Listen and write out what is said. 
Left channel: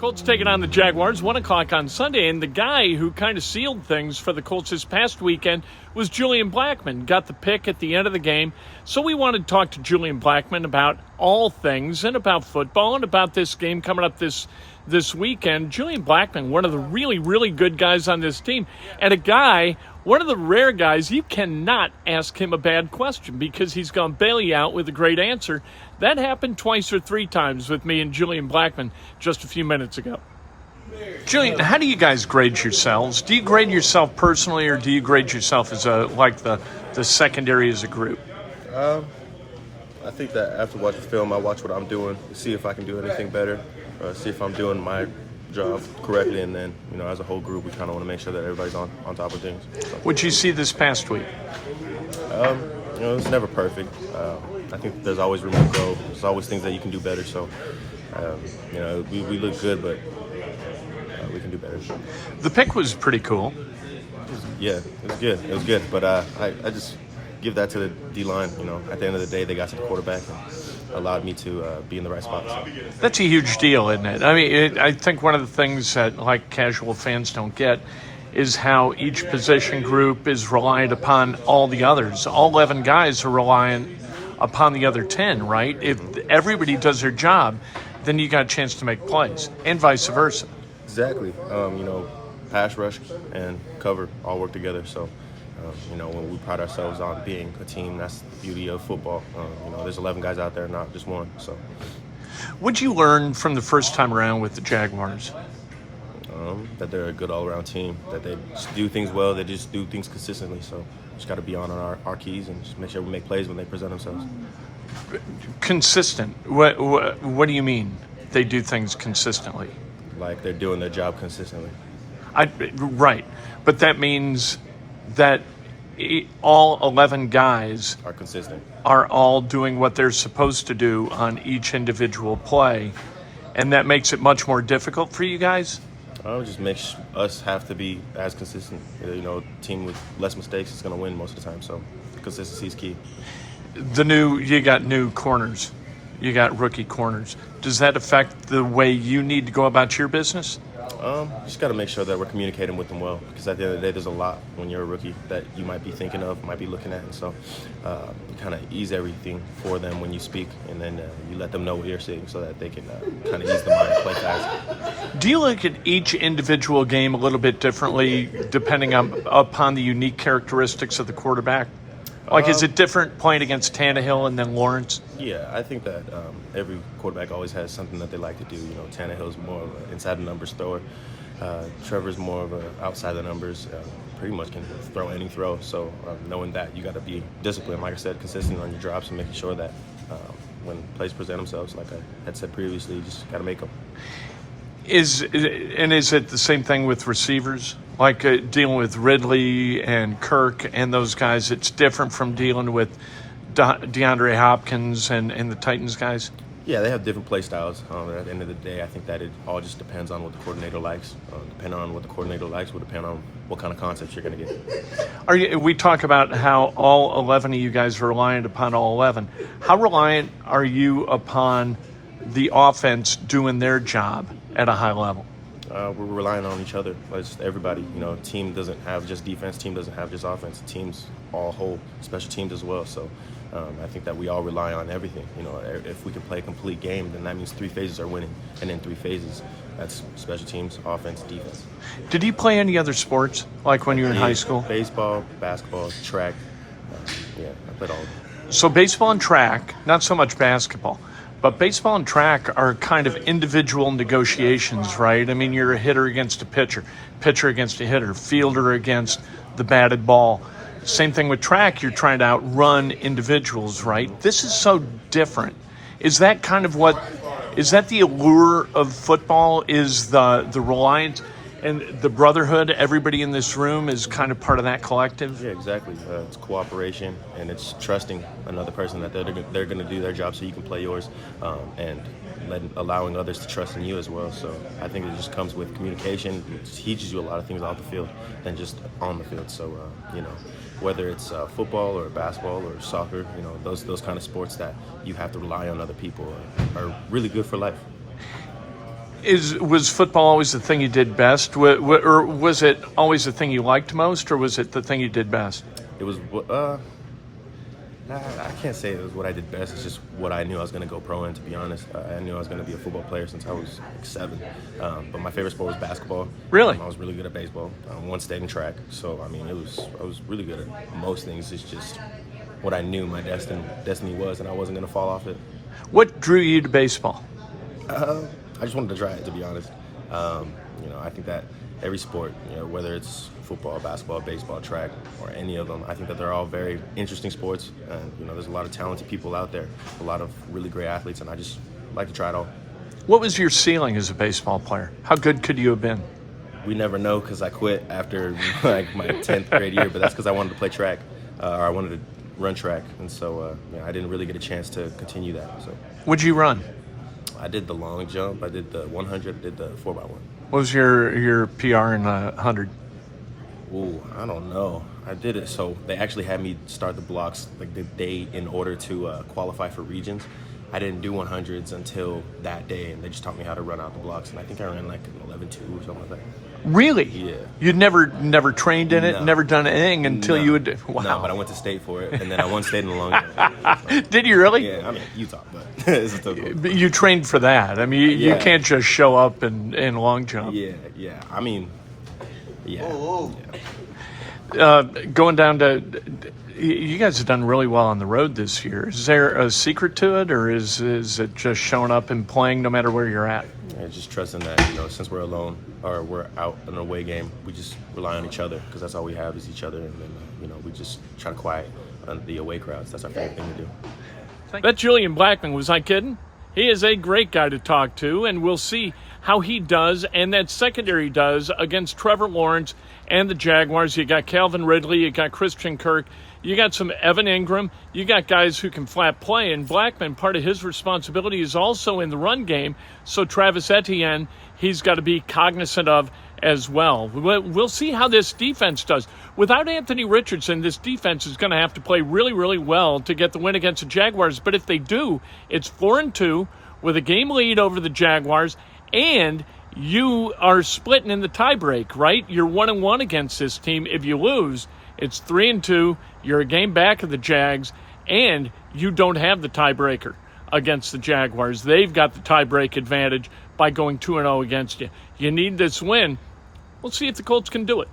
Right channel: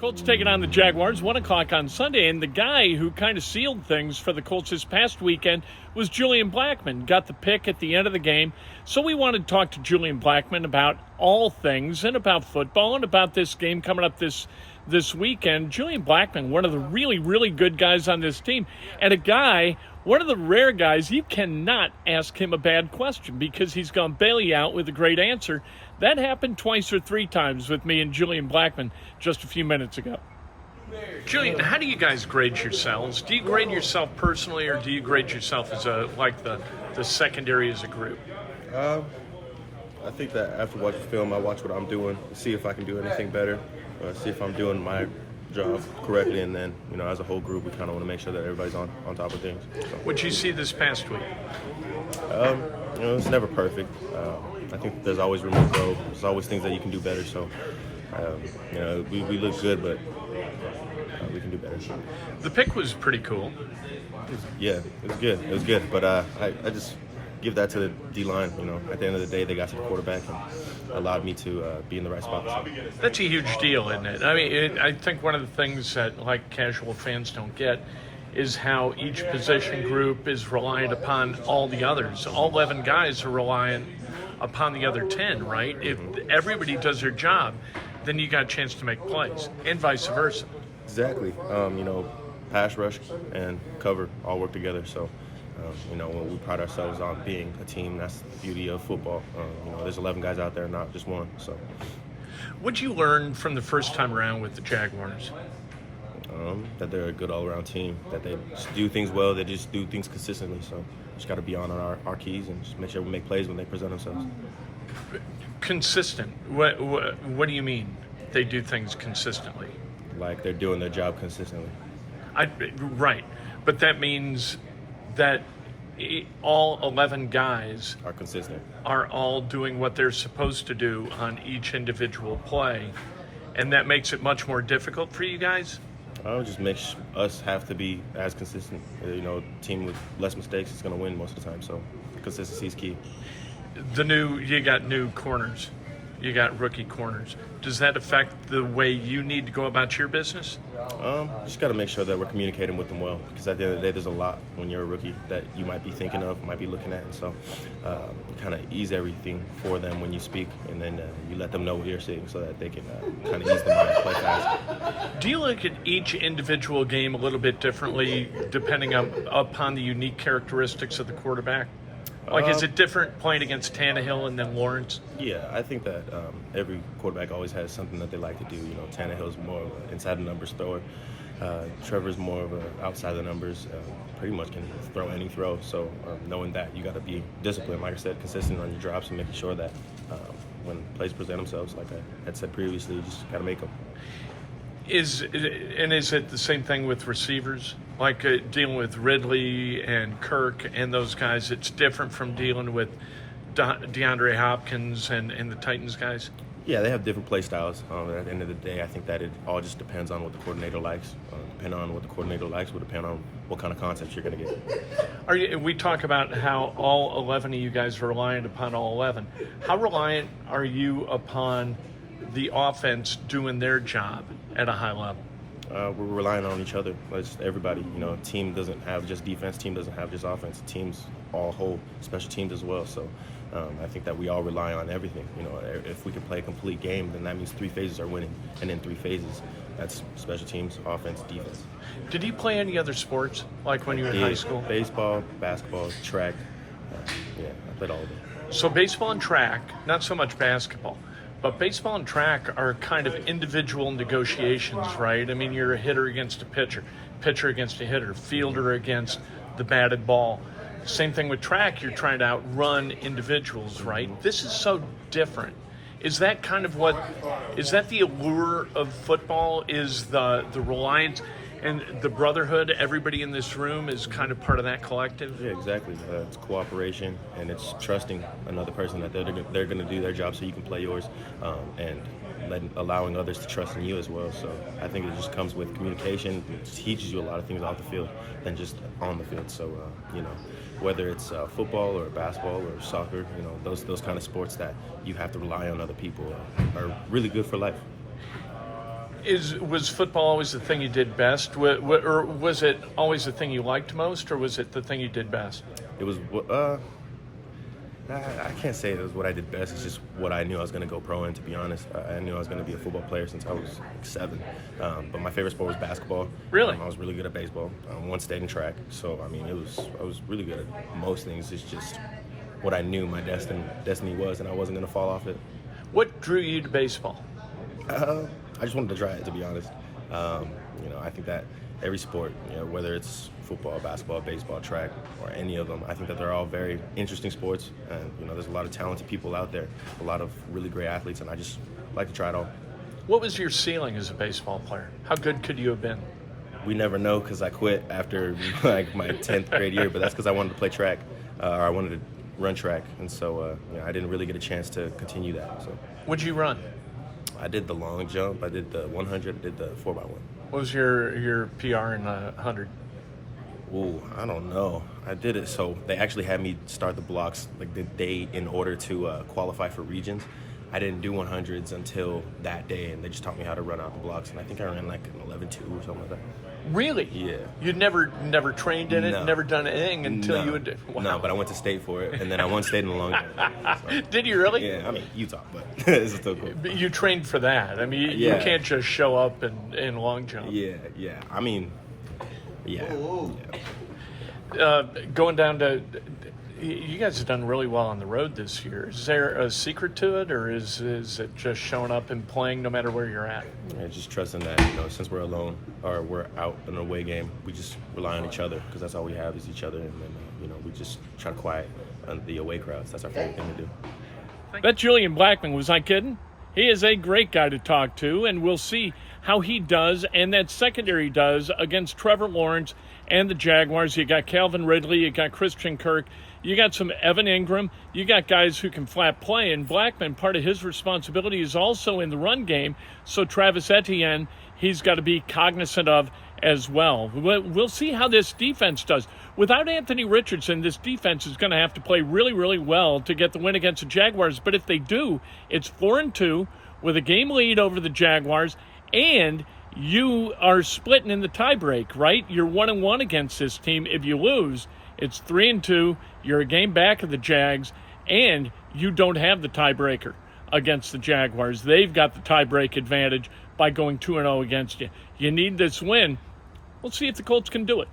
Colts taking on the Jaguars, 1 o'clock on Sunday, and the guy who kind of sealed things for the Colts this past weekend was Julian Blackmon. Got the pick at the end of the game. So we wanted to talk to Julian Blackmon about all things and about football and about this game coming up this weekend. Julian Blackmon, one of the really, really good guys on this team, and a guy, one of the rare guys, you cannot ask him a bad question because he's going to bail you out with a great answer. That happened twice or three times with me and Julian Blackmon just a few minutes ago. Julian, how do you guys grade yourselves? Do you grade yourself personally, or do you grade yourself as the secondary as a group? I think that after watching film, I watch what I'm doing to see if I can do anything better, see if I'm doing my job correctly, and then, as a whole group, we kind of want to make sure that everybody's on top of things. So. What'd you see this past week? It's never perfect. I think there's always room to grow. There's always things that you can do better. So, we look good, but we can do better. The pick was pretty cool. Yeah, it was good. It was good, but I just give that to the D-line. At the end of the day, they got to the quarterback and allowed me to be in the right spot. So. That's a huge deal, isn't it? I mean, I think one of the things that casual fans don't get is how each position group is reliant upon all the others. All 11 guys are reliant upon the other 10, right? If everybody does their job, then you got a chance to make plays, and vice versa. Exactly. Pass rush and cover all work together. So, when we pride ourselves on being a team, that's the beauty of football. There's 11 guys out there, not just one. So, what'd you learn from the first time around with the Jaguars? That they're a good all-around team, that they do things well, they just do things consistently. So just got to be on our keys and just make sure we make plays when they present themselves. Consistent? What do you mean they do things consistently? Like they're doing their job consistently. Right. But that means that all 11 guys are consistent, are all doing what they're supposed to do on each individual play, and that makes it much more difficult for you guys? Just makes us have to be as consistent. Team with less mistakes is going to win most of the time. So consistency is key. You got new corners. You got rookie corners. Does that affect the way you need to go about your business? Just got to make sure that we're communicating with them well, because at the end of the day, there's a lot when you're a rookie that you might be thinking of, might be looking at, and so you kind of ease everything for them when you speak, and then you let them know what you're seeing so that they can kind of ease the mind and play fast. Do you look at each individual game a little bit differently depending upon the unique characteristics of the quarterback? Is it different playing against Tannehill and then Lawrence? Yeah, I think that every quarterback always has something that they like to do. Tannehill's more of an inside the numbers thrower. Trevor's more of an outside the numbers. Pretty much can throw any throw. So knowing that, you got to be disciplined, like I said, consistent on your drops and making sure that when plays present themselves, like I had said previously, you just got to make them. Is it the same thing with receivers? Dealing with Ridley and Kirk and those guys, it's different from dealing with DeAndre Hopkins and the Titans guys? Yeah, they have different play styles. At the end of the day, I think that it all just depends on what the coordinator likes. Depending on what the coordinator likes will depend on what kind of concepts you're going to get. We talk about how all 11 of you guys are reliant upon all 11. How reliant are you upon the offense doing their job at a high level? We're relying on each other. It's everybody. Team doesn't have just defense. Team doesn't have just offense. Teams all whole, special teams as well. So I think that we all rely on everything. If we can play a complete game, then that means 3 phases are winning. And in 3 phases, that's special teams, offense, defense. Did you play any other sports, when you were in high school? Baseball, basketball, track. I played all of them. So baseball and track, not so much basketball. But baseball and track are kind of individual negotiations, right? I mean, you're a hitter against a pitcher against a hitter, fielder against the batted ball. Same thing with track, you're trying to outrun individuals, right? This is so different. Is that the allure of football, is the reliant and the brotherhood? Everybody in this room is kind of part of that collective? Yeah, exactly. It's cooperation, and it's trusting another person that they're going to do their job so you can play yours, and allowing others to trust in you as well. So I think it just comes with communication. It teaches you a lot of things off the field than just on the field. So, whether it's football or basketball or soccer, those kind of sports that you have to rely on other people are really good for life. Was football always the thing you did best, or was it always the thing you liked most, or was it the thing you did best? It was. I can't say it was what I did best. It's just what I knew I was going to go pro in, to be honest. I knew I was going to be a football player since I was like 7. But my favorite sport was basketball. Really? I was really good at baseball. One state in track. So, I mean, I was really good at most things. It's just what I knew my destiny was, and I wasn't going to fall off it. What drew you to baseball? I just wanted to try it, to be honest. I think that every sport, whether it's football, basketball, baseball, track, or any of them, I think that they're all very interesting sports. And, there's a lot of talented people out there, a lot of really great athletes, and I just like to try it all. What was your ceiling as a baseball player? How good could you have been? We never know, because I quit after like my 10th grade year, but that's because I wanted to play track, or I wanted to run track. And so, I didn't really get a chance to continue that. So, What'd you run? I did the long jump, I did the 100, I did the 4x1. What was your PR in 100? Ooh, I don't know. I did it, so they actually had me start the blocks like the day in order to qualify for regions. I didn't do 100s until that day, and they just taught me how to run out the blocks, and I think I ran like an 11.2 or something like that. Really? Yeah. You'd never trained in it, No. never done anything until you would. Wow. No, but I went to state for it, and then I won state in the long jump. So, Did you really? yeah, I mean Utah, but it's still cool. But you trained for that. I mean, you Yeah. can't just show up in long jump. Yeah. I mean, yeah. Oh. Yeah. Going down to, you guys have done really well on the road this year. Is there a secret to it, or is it just showing up and playing no matter where you're at? Yeah, just trusting that, since we're alone or we're out in an away game, we just rely on each other, because that's all we have is each other. And then, we just try to quiet the away crowds. That's our favorite thing to do. That Julian Blackmon, was I kidding? He is a great guy to talk to, and we'll see how he does and that secondary does against Trevor Lawrence and the Jaguars. You got Calvin Ridley, you got Christian Kirk, you got some Evan Ingram, you got guys who can flat play, and Blackmon, part of his responsibility is also in the run game, so Travis Etienne, he's got to be cognizant of as well. We'll see how this defense does. Without Anthony Richardson, this defense is going to have to play really, really well to get the win against the Jaguars, but if they do, it's 4-2 with a game lead over the Jaguars, and you are splitting in the tiebreak, right? You're 1-1 against this team. If you lose, it's 3-2. You're a game back of the Jags, and you don't have the tiebreaker against the Jaguars. They've got the tiebreak advantage by going 2-0 against you. You need this win. We'll see if the Colts can do it.